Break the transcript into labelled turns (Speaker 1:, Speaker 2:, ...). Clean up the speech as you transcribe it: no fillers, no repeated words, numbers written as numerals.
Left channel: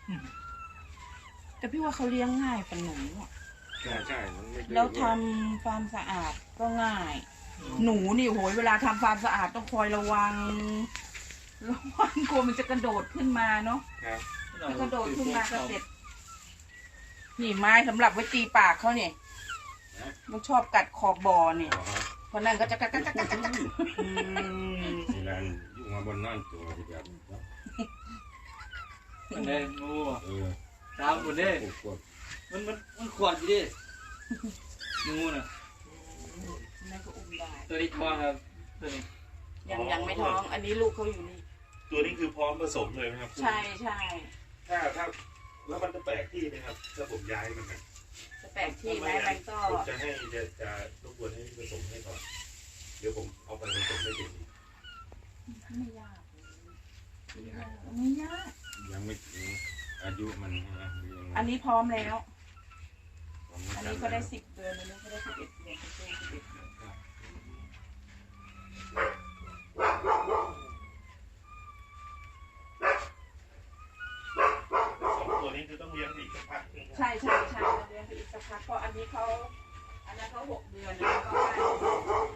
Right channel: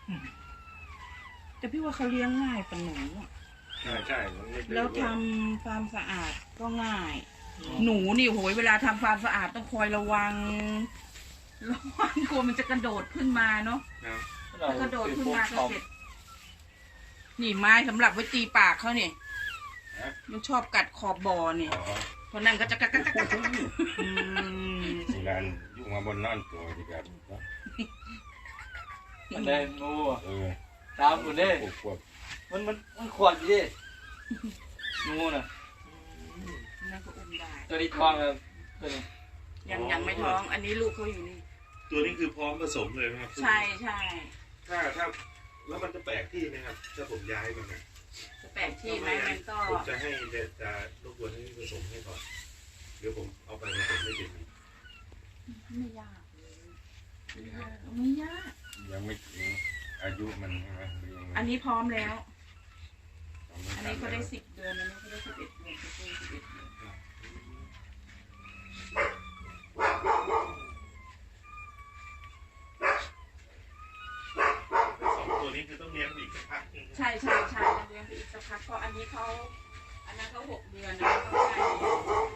Speaker 1: แต่พี่ว่าเขาเลี้ยงง่ายฝันหนู
Speaker 2: ใช่
Speaker 1: แล้วทำความสะอาดก็ง่ายหนูนี่โหยเวลาทำความสะอาดต้องคอยระวังกลัวมันจะกระโดดขึ้นมาเนาะถ้ากระโดดขึ้นมาก็เสร็จนี่ไม้สำหรับไว้ตีปากเขาเนี่ยมันชอบกัดขอบบ่อเนี่ยเพราะนั่นก็จะกัดงาน
Speaker 2: ยุ่งมาบนนั่นตัวดีกัน
Speaker 3: มันได้งูตามหมดเลยมันขวดอยู่ดิงูน่ะ
Speaker 1: นั่นก็อุ้มได้
Speaker 3: ตัวนี้ท้องกันตัวนี้
Speaker 1: ยังไม่ท้องอันนี้ลูกเขาอยู่นี่
Speaker 2: ตัวนี้คือพร้อมผสมเลยไหมครับ
Speaker 1: ใช่
Speaker 2: ถ้าแล้วมันจะแปลกที่ไหมครับถ้าผมย้ายมัน
Speaker 1: จะแปลกที่ไหมมันก็
Speaker 2: ผมจะให้จะรบกวนให้ผสมให้ก่อนเดี๋ยวผมเอาไปผสมให้กิน
Speaker 1: ไม่ยาก
Speaker 2: ยังไม่ถึงอายุมันนะ
Speaker 1: อันนี้พร้อมแล้วอันนี้ก็ได้10 เดือนอันนี้ก็ได้11 เดือน11 เดือน
Speaker 2: ตัวนี้คือต้องเลี้ยงอีกสักพัก
Speaker 1: ใช่เลี้ยงอีกสักพักเพราะอันนั้นเขา6 เดือนนะเขา